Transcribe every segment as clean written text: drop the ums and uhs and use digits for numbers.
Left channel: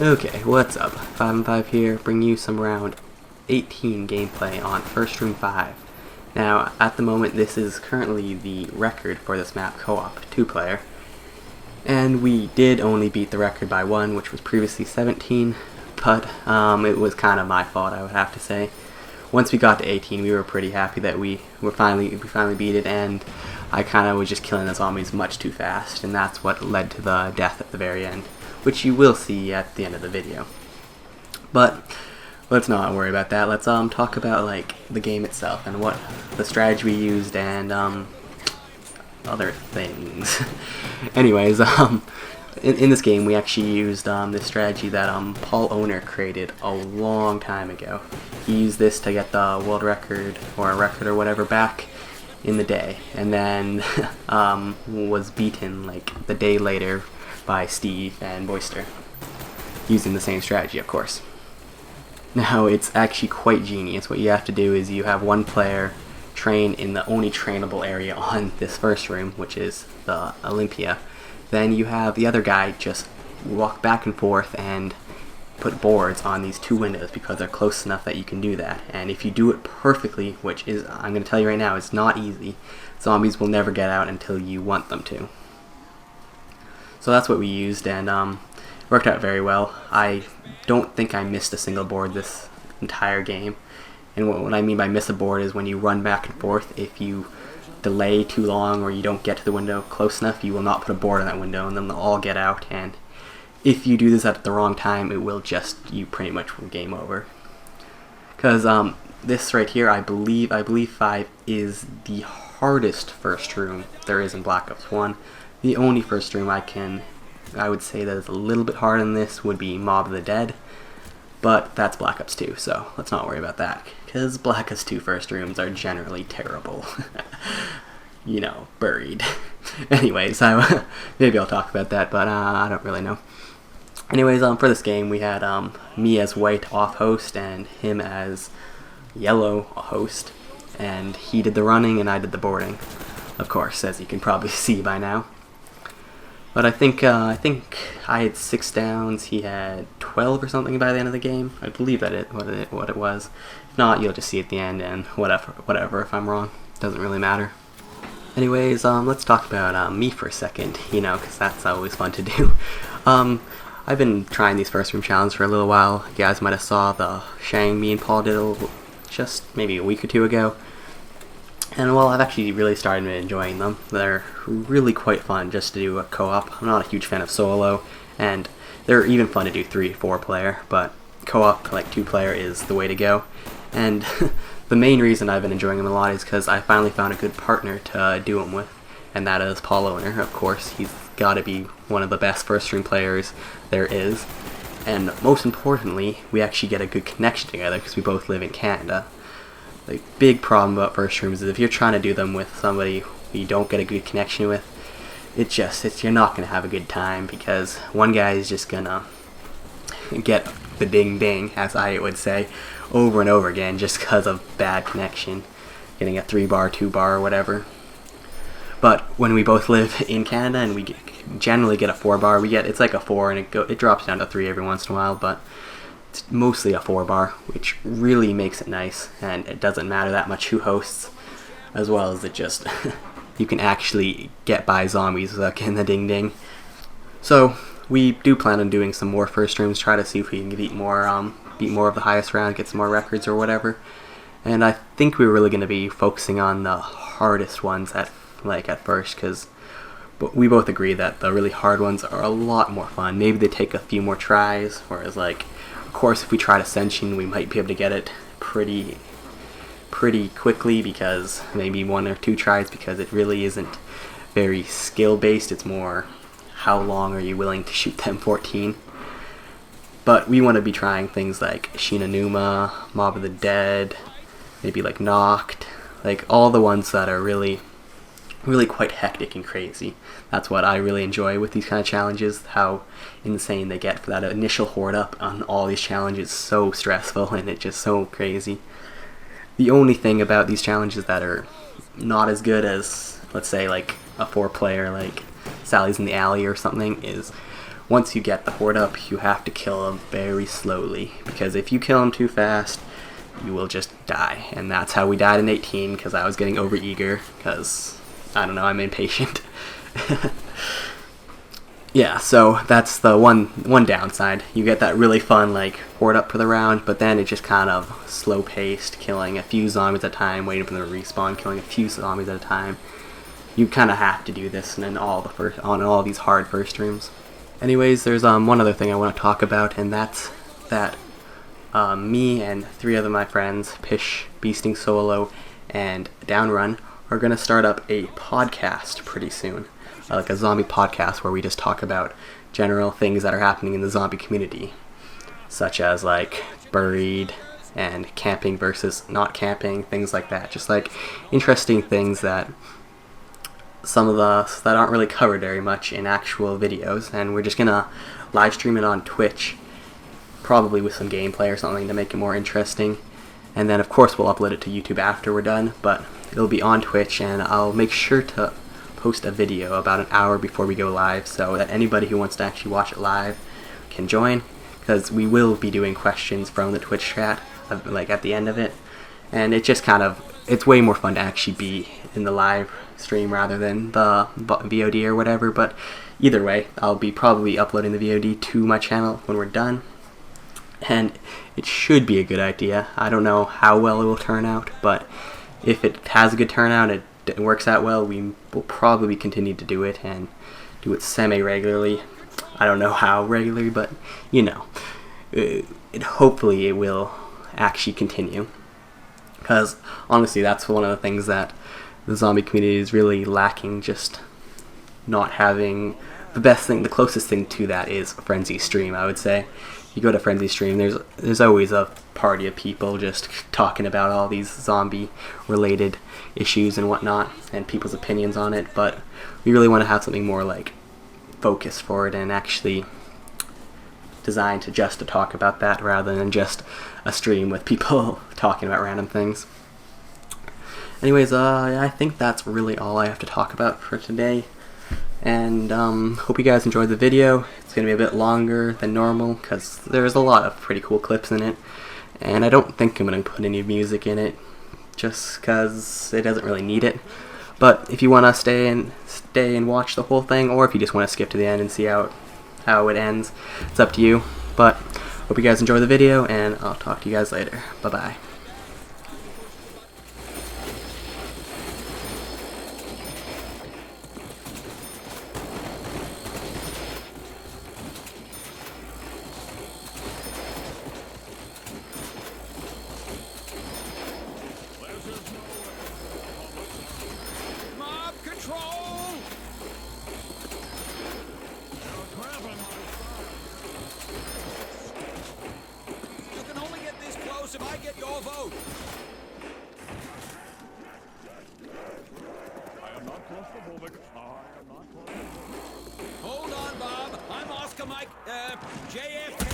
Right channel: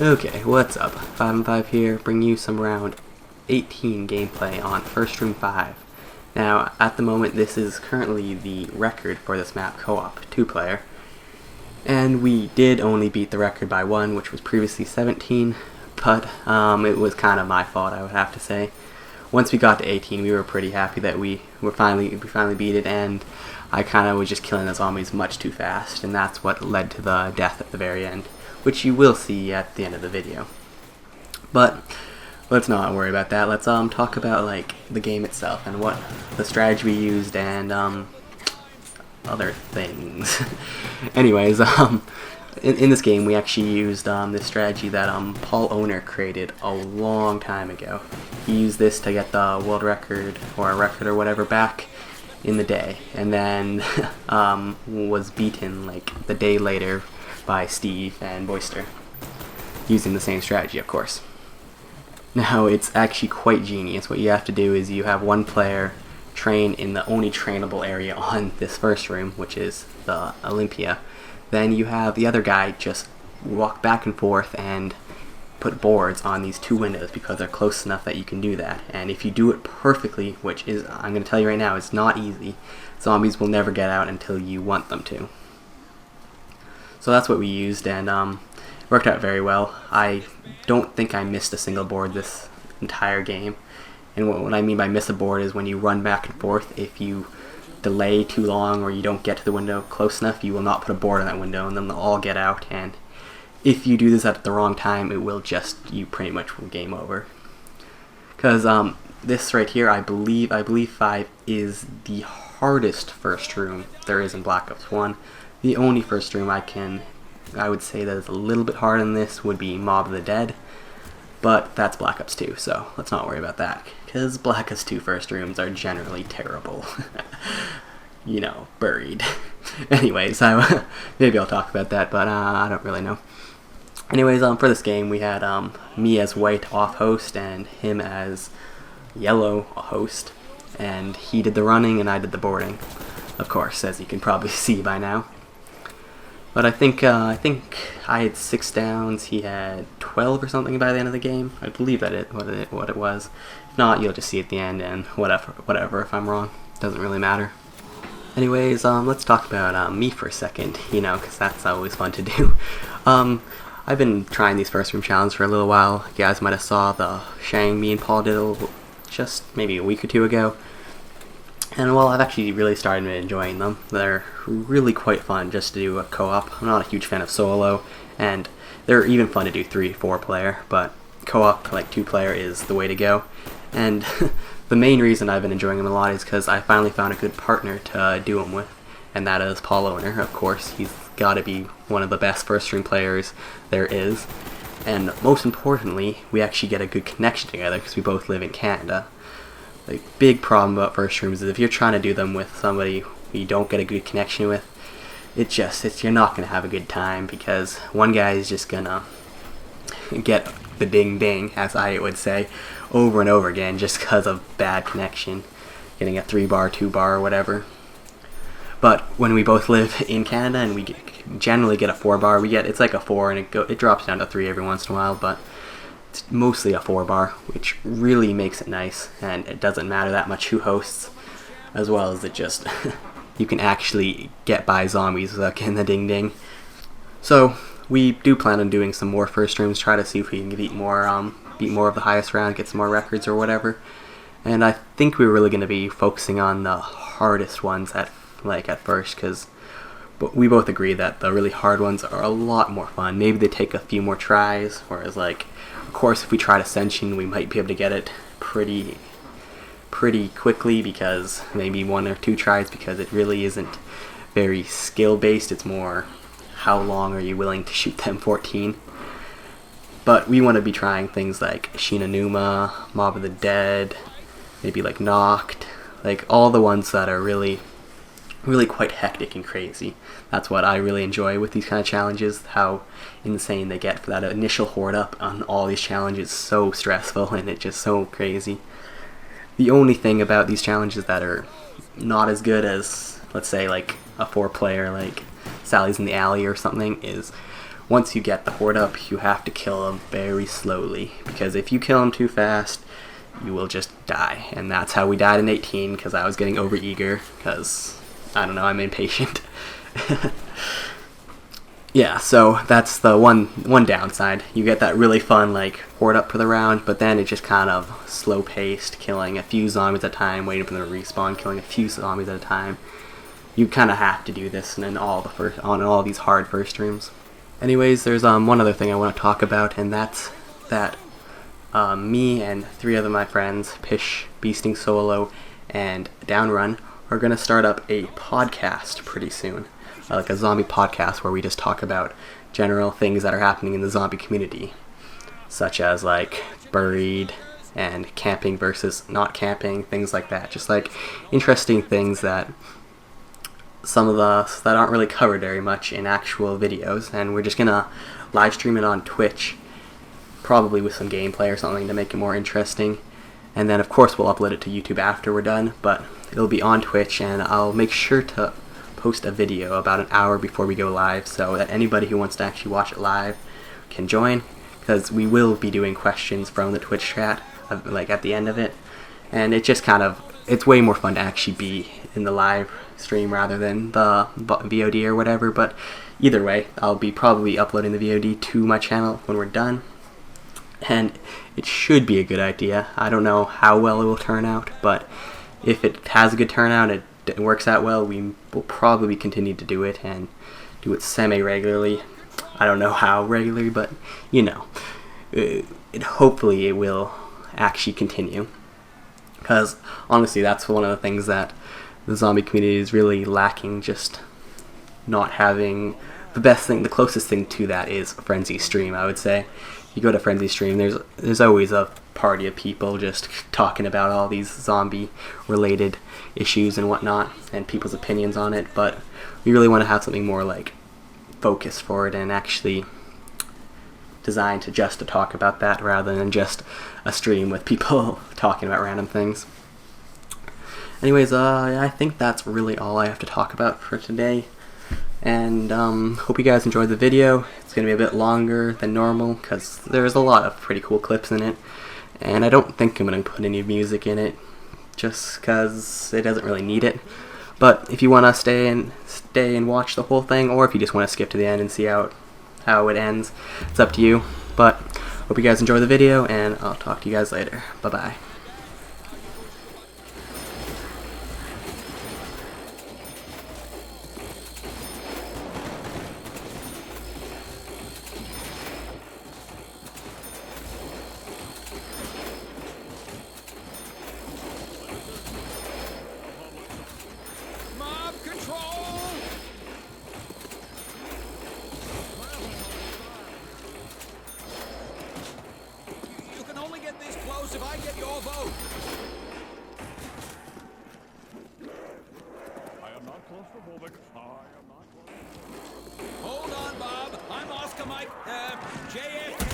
Okay, what's up? 5 and 5 here, bring you some round 18 gameplay on First Room 5. Now, at the moment, this is currently the record for this map co-op, 2-player. And we did only beat the record by 1, which was previously 17, but it was kind of my fault, I would have to say. Once we got to 18, we were pretty happy that we finally beat it, and I kind of was just killing the zombies much too fast, and that's what led to the death at the very end, which you will see at the end of the video. But let's not worry about that. Let's talk about like the game itself and what the strategy we used and other things. Anyways, in this game we actually used this strategy that Paul Owner created a long time ago. He used this to get the world record or a record or whatever back in the day, and then was beaten like the day later by Steve and Boyster, using the same strategy, of course. Now, it's actually quite genius. What you have to do is you have one player train in the only trainable area on this first room, which is the Olympia. Then you have the other guy just walk back and forth and put boards on these two windows because they're close enough that you can do that. And if you do it perfectly, which is, I'm going to tell you right now, it's not easy, zombies will never get out until you want them to. So that's what we used, and it worked out very well. I don't think I missed a single board this entire game. And what I mean by miss a board is when you run back and forth, if you delay too long or you don't get to the window close enough, you will not put a board on that window, and then they'll all get out. And if you do this at the wrong time, it will just, you pretty much will game over. Because this right here, I believe 5 is the hardest first room there is in Black Ops 1. The only first room I would say that is a little bit harder than this would be Mob of the Dead, but that's Black Ops 2, so let's not worry about that, because Black Ops 2 first rooms are generally terrible. You know, buried. Anyways, maybe I'll talk about that, but I don't really know. Anyways, for this game, we had me as white off host and him as yellow host, and he did the running and I did the boarding, of course, as you can probably see by now. But I think I had 6 downs. He had 12 or something by the end of the game. I believe that what it was. If not, you'll just see at the end, and whatever. If I'm wrong, doesn't really matter. Anyways, let's talk about me for a second. You know, because that's always fun to do. I've been trying these first room challenges for a little while. You guys might have saw the Shang me and Paul did just maybe a week or two ago. And well, I've actually really started enjoying them. They're really quite fun just to do a co-op. I'm not a huge fan of solo, and they're even fun to do 3-4 player, but co-op, like 2-player, is the way to go. And the main reason I've been enjoying them a lot is because I finally found a good partner to do them with, and that is Paul Owner. Of course, he's got to be one of the best first room players there is. And most importantly, we actually get a good connection together because we both live in Canada. The big problem about first rooms is if you're trying to do them with somebody who you don't get a good connection with, you're not going to have a good time, because one guy is just going to get the ding ding, as I would say, over and over again just because of bad connection, getting a 3-bar, 2-bar, or whatever. But when we both live in Canada and we generally get a 4-bar, it's like a 4 and it drops down to 3 every once in a while, but it's mostly a 4-bar, which really makes it nice, and it doesn't matter that much who hosts, as well as it just you can actually get by zombies without getting the ding ding. So we do plan on doing some more first rooms, try to see if we can beat more of the highest round, get some more records or whatever. And I think we're really going to be focusing on the hardest ones at first, because we both agree that the really hard ones are a lot more fun. Maybe they take a few more tries, whereas of course, if we tried Ascension, we might be able to get it pretty quickly, because maybe 1 or 2 tries, because it really isn't very skill based. It's more how long are you willing to shoot them 14. But we want to be trying things like Shinanuma, Mob of the Dead, maybe like Knocked, like all the ones that are really quite hectic and crazy. That's what I really enjoy with these kind of challenges, how insane they get for that initial horde up on all these challenges. So stressful, and it's just so crazy. The only thing about these challenges that are not as good as, let's say, like a 4-player like Sally's in the Alley or something, is once you get the horde up, you have to kill them very slowly, because if you kill them too fast, you will just die. And that's how we died in 18, because I was getting overeager, because, I don't know, I'm impatient. Yeah, so that's the one downside. You get that really fun, like, horde up for the round, but then it's just kind of slow-paced, killing a few zombies at a time, waiting for them to respawn, killing a few zombies at a time. You kind of have to do this on all these hard first rooms. Anyways, there's one other thing I want to talk about, and that's that me and 3 other my friends, Pish, Beasting Solo, and Downrun, are going to start up a podcast pretty soon. Like a zombie podcast where we just talk about general things that are happening in the zombie community, such as like buried and camping versus not camping, things like that. Just like interesting things that some of us that aren't really covered very much in actual videos, and we're just gonna live stream it on Twitch, probably with some gameplay or something to make it more interesting. And then of course we'll upload it to YouTube after we're done, but it'll be on Twitch, and I'll make sure to post a video about an hour before we go live so that anybody who wants to actually watch it live can join, because we will be doing questions from the Twitch chat like at the end of it, and it just it's way more fun to actually be in the live stream rather than the VOD or whatever. But either way, I'll be probably uploading the VOD to my channel when we're done, and it should be a good idea. I don't know how well it will turn out, but if it has a good turnout, it works out well, we will probably continue to do it, and do it semi-regularly. I don't know how regularly, but you know, hopefully it will actually continue, because honestly that's one of the things that the zombie community is really lacking, just not having the closest thing to that is Frenzy Stream. I would say you go to Frenzy Stream, there's always a party of people just talking about all these zombie related issues and whatnot, and people's opinions on it, but we really want to have something more like focused for it and actually designed to talk about that rather than just a stream with people talking about random things. Anyways, I think that's really all I have to talk about for today, and hope you guys enjoyed the video. It's going to be a bit longer than normal because there's a lot of pretty cool clips in it, and I don't think I'm going to put any music in it just because it doesn't really need it. But if you want to stay and watch the whole thing, or if you just want to skip to the end and see how it ends, it's up to you. But hope you guys enjoy the video, and I'll talk to you guys later. Bye bye. If I get your vote. Hold on, Bob. I'm Oscar Mike, JFK.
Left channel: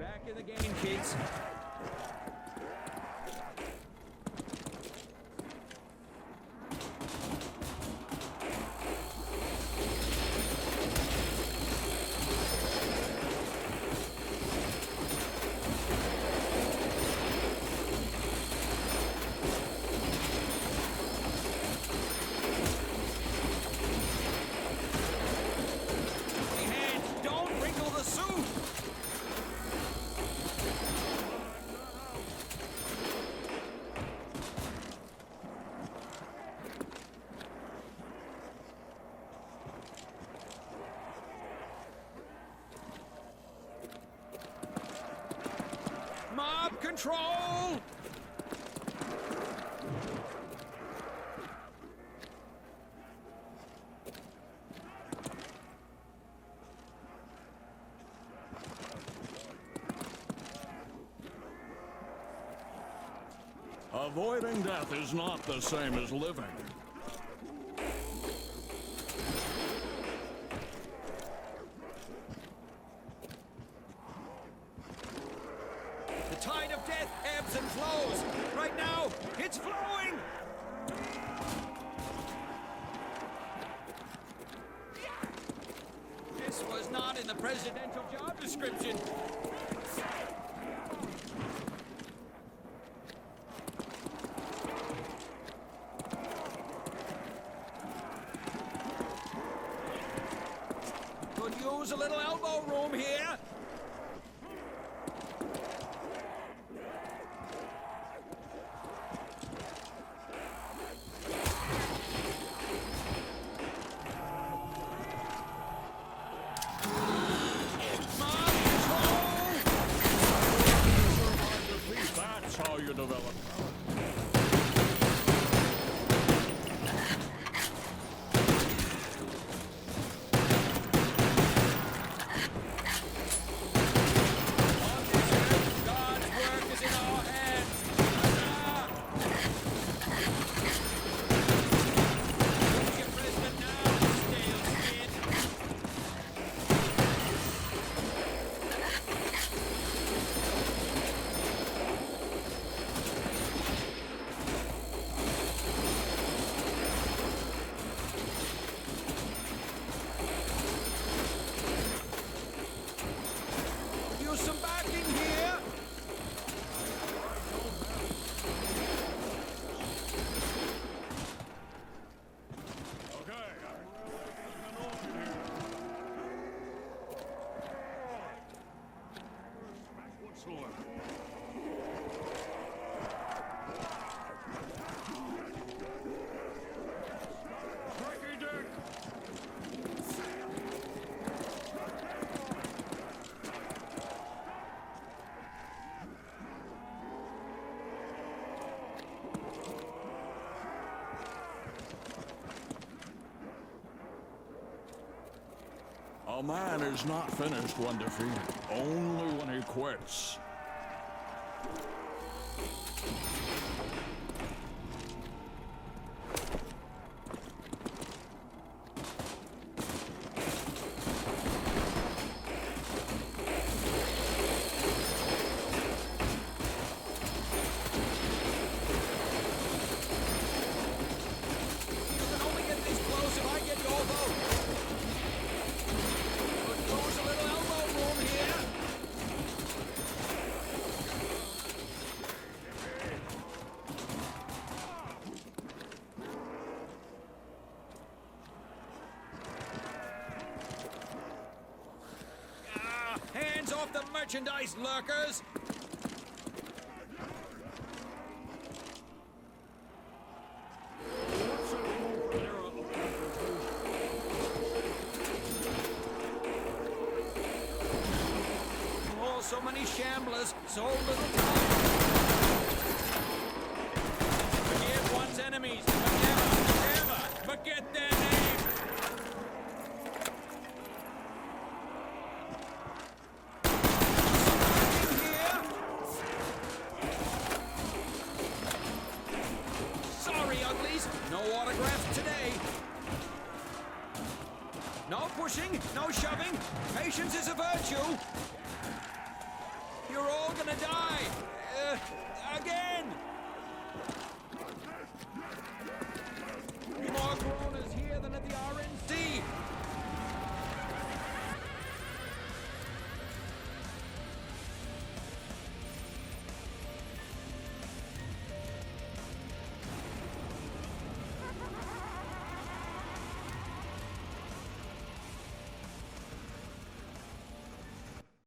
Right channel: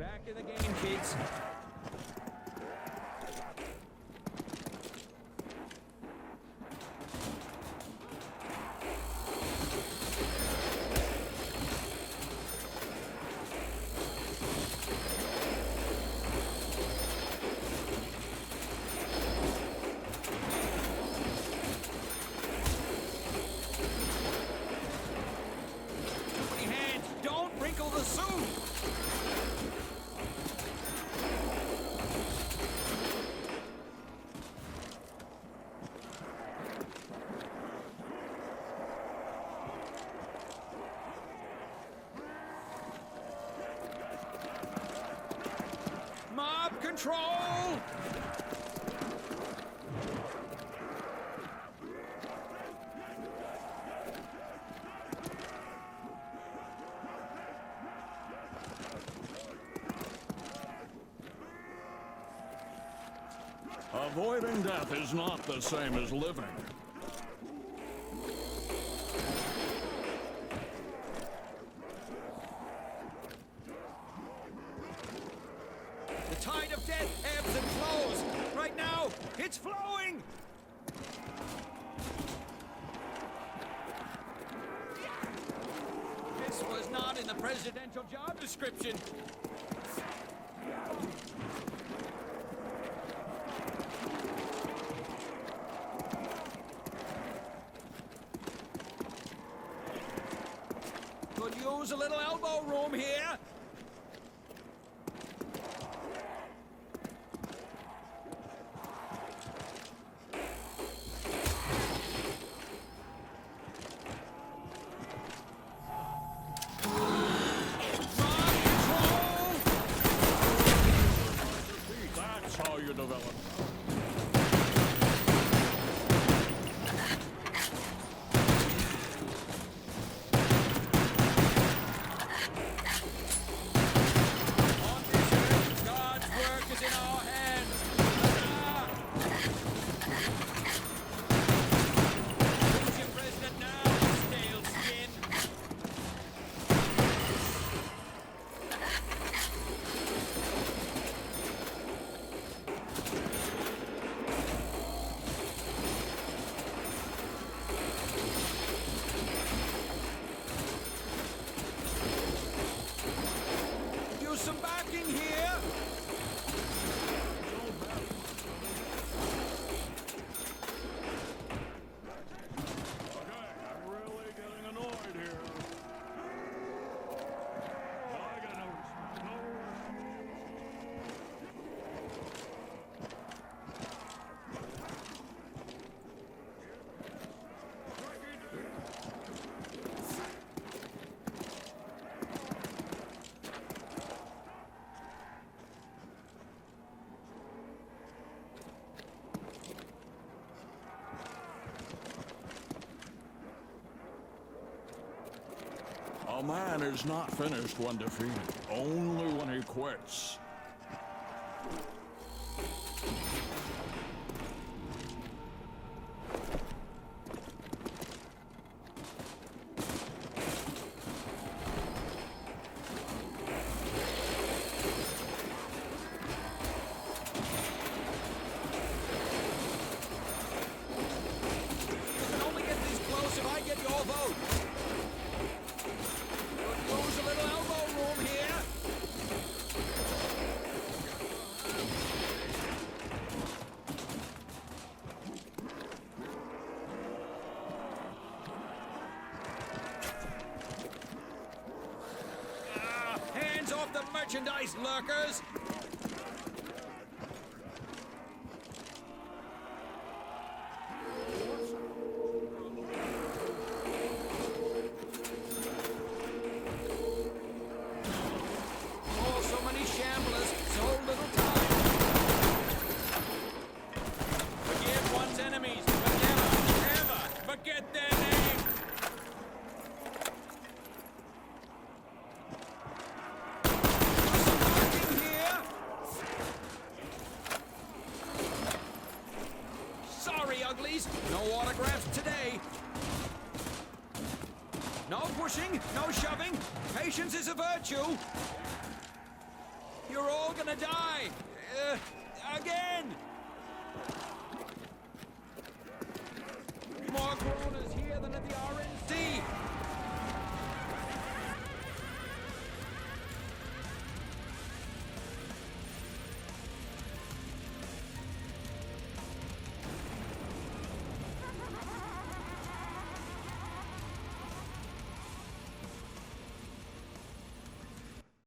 Back in the game, kids. Mob control! Avoiding death is not the same as living. not in the presidential job description. Could use a little elbow room here. That's how you develop. God's work is in our hands. Reach your president now, stale skin. Use some backing here. Okay, I'm ready. I got no respect whatsoever. Tricky Dick! A man is not finished when defeated, only when he quits. You can only get this close if I get your vote. Could use a little elbow room here. Hands off the merchandise, lurkers! Oh, so many shamblers, so little time. Forgive one's enemies, but never forget their name. Something here. Sorry, uglies, no autographs today. No pushing, no shoving. Patience is a virtue. You're all gonna die. Again. More groaners here than at the RNC.